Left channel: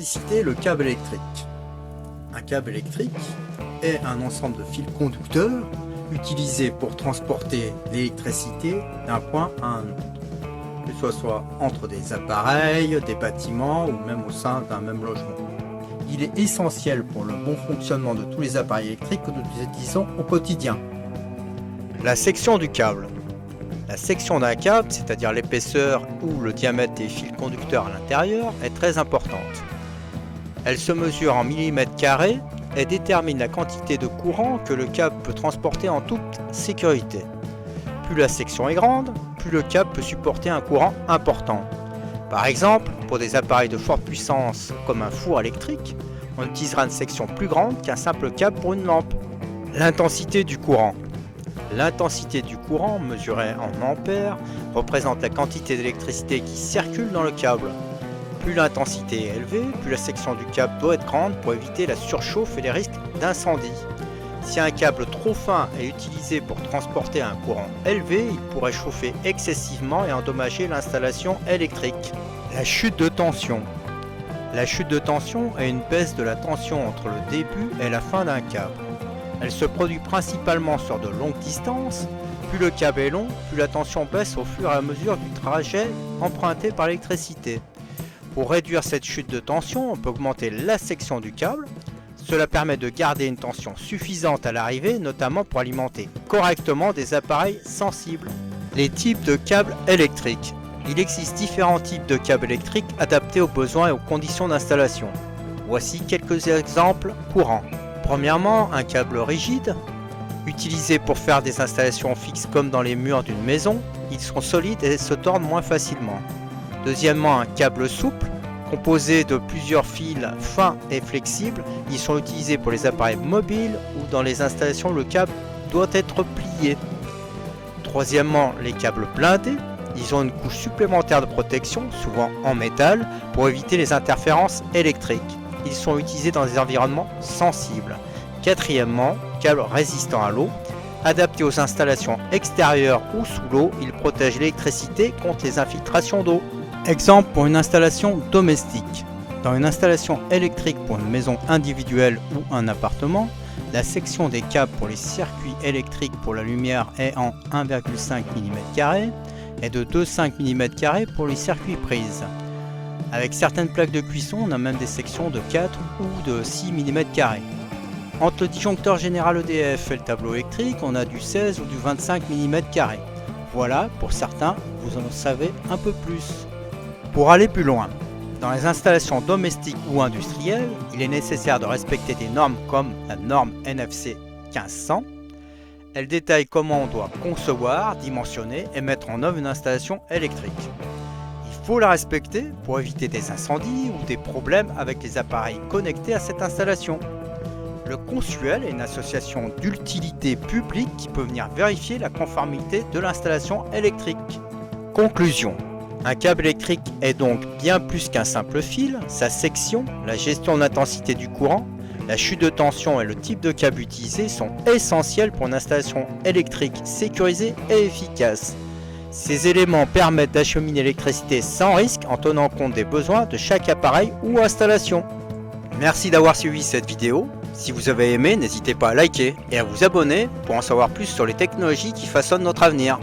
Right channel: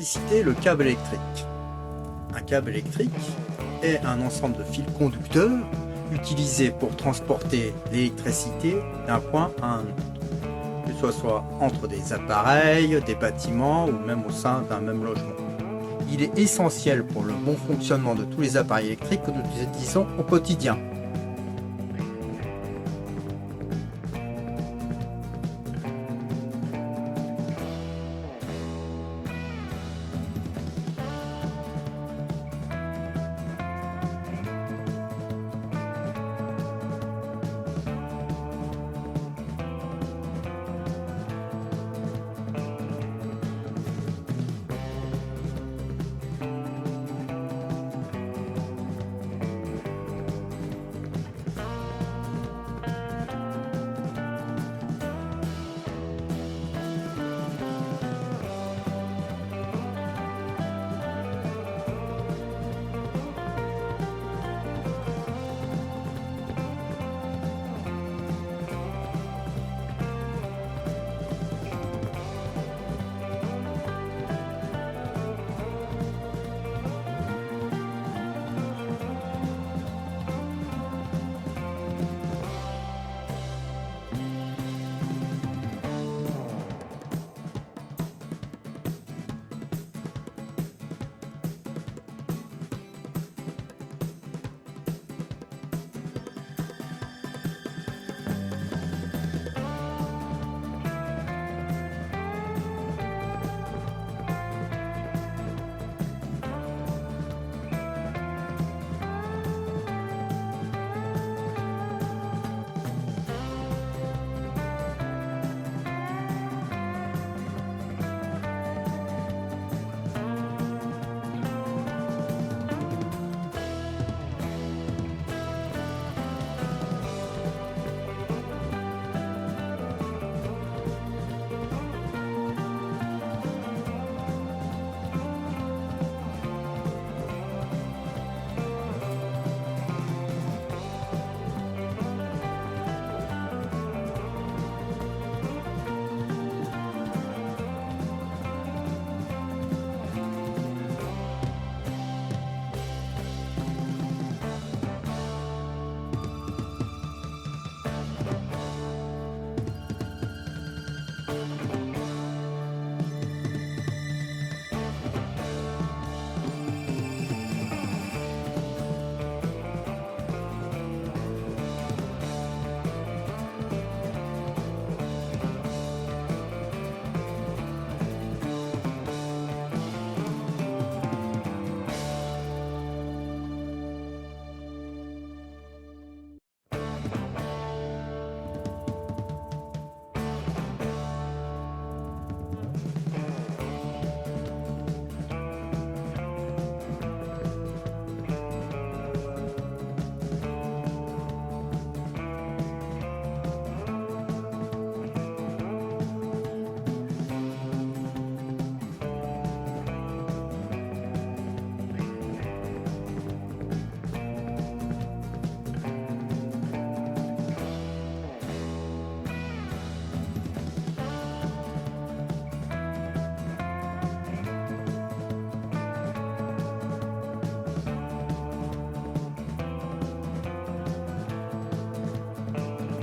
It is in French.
L'électricité, le câble électrique. Un câble électrique est un ensemble de fils conducteurs utilisés pour transporter l'électricité d'un point à un autre, que ce soit entre des appareils, des bâtiments ou même au sein d'un même logement. Il est essentiel pour le bon fonctionnement de tous les appareils électriques que nous utilisons au quotidien. La section du câble. La section d'un câble, c'est-à-dire l'épaisseur ou le diamètre des fils conducteurs à l'intérieur, est très importante. Elle se mesure en millimètres carrés et détermine la quantité de courant que le câble peut transporter en toute sécurité. Plus la section est grande, plus le câble peut supporter un courant important. Par exemple, pour des appareils de forte puissance comme un four électrique, on utilisera une section plus grande qu'un simple câble pour une lampe. L'intensité du courant. L'intensité du courant, mesurée en ampères, représente la quantité d'électricité qui circule dans le câble. Plus l'intensité est élevée, plus la section du câble doit être grande pour éviter la surchauffe et les risques d'incendie. Si un câble trop fin est utilisé pour transporter un courant élevé, il pourrait chauffer excessivement et endommager l'installation électrique. La chute de tension. La chute de tension est une baisse de la tension entre le début et la fin d'un câble. Elle se produit principalement sur de longues distances. Plus le câble est long, plus la tension baisse au fur et à mesure du trajet emprunté par l'électricité. Pour réduire cette chute de tension, on peut augmenter la section du câble. Cela permet de garder une tension suffisante à l'arrivée, notamment pour alimenter correctement des appareils sensibles. Les types de câbles électriques. Il existe différents types de câbles électriques adaptés aux besoins et aux conditions d'installation. Voici quelques exemples courants. Premièrement, un câble rigide, utilisé pour faire des installations fixes comme dans les murs d'une maison. Ils sont solides et se tordent moins facilement. Deuxièmement, un câble souple, composé de plusieurs fils fins et flexibles. Ils sont utilisés pour les appareils mobiles ou dans les installations où le câble doit être plié. Troisièmement, les câbles blindés. Ils ont une couche supplémentaire de protection, souvent en métal, pour éviter les interférences électriques. Ils sont utilisés dans des environnements sensibles. Quatrièmement, câbles résistants à l'eau. Adaptés aux installations extérieures ou sous l'eau, ils protègent l'électricité contre les infiltrations d'eau. Exemple pour une installation domestique. Dans une installation électrique pour une maison individuelle ou un appartement, la section des câbles pour les circuits électriques pour la lumière est en 1,5 mm et de 2,5 mm pour les circuits prises. Avec certaines plaques de cuisson, on a même des sections de 4 ou de 6 mm. Entre le disjoncteur général EDF et le tableau électrique, on a du 16 ou du 25 mm. Voilà, pour certains, vous en savez un peu plus. Pour aller plus loin, dans les installations domestiques ou industrielles, il est nécessaire de respecter des normes comme la norme NFC 1500. Elle détaille comment on doit concevoir, dimensionner et mettre en œuvre une installation électrique. Il faut la respecter pour éviter des incendies ou des problèmes avec les appareils connectés à cette installation. Le Consuel est une association d'utilité publique qui peut venir vérifier la conformité de l'installation électrique. Conclusion. Un câble électrique est donc bien plus qu'un simple fil. Sa section, la gestion de l'intensité du courant, la chute de tension et le type de câble utilisé sont essentiels pour une installation électrique sécurisée et efficace. Ces éléments permettent d'acheminer l'électricité sans risque en tenant compte des besoins de chaque appareil ou installation. Merci d'avoir suivi cette vidéo. Si vous avez aimé, n'hésitez pas à liker et à vous abonner pour en savoir plus sur les technologies qui façonnent notre avenir.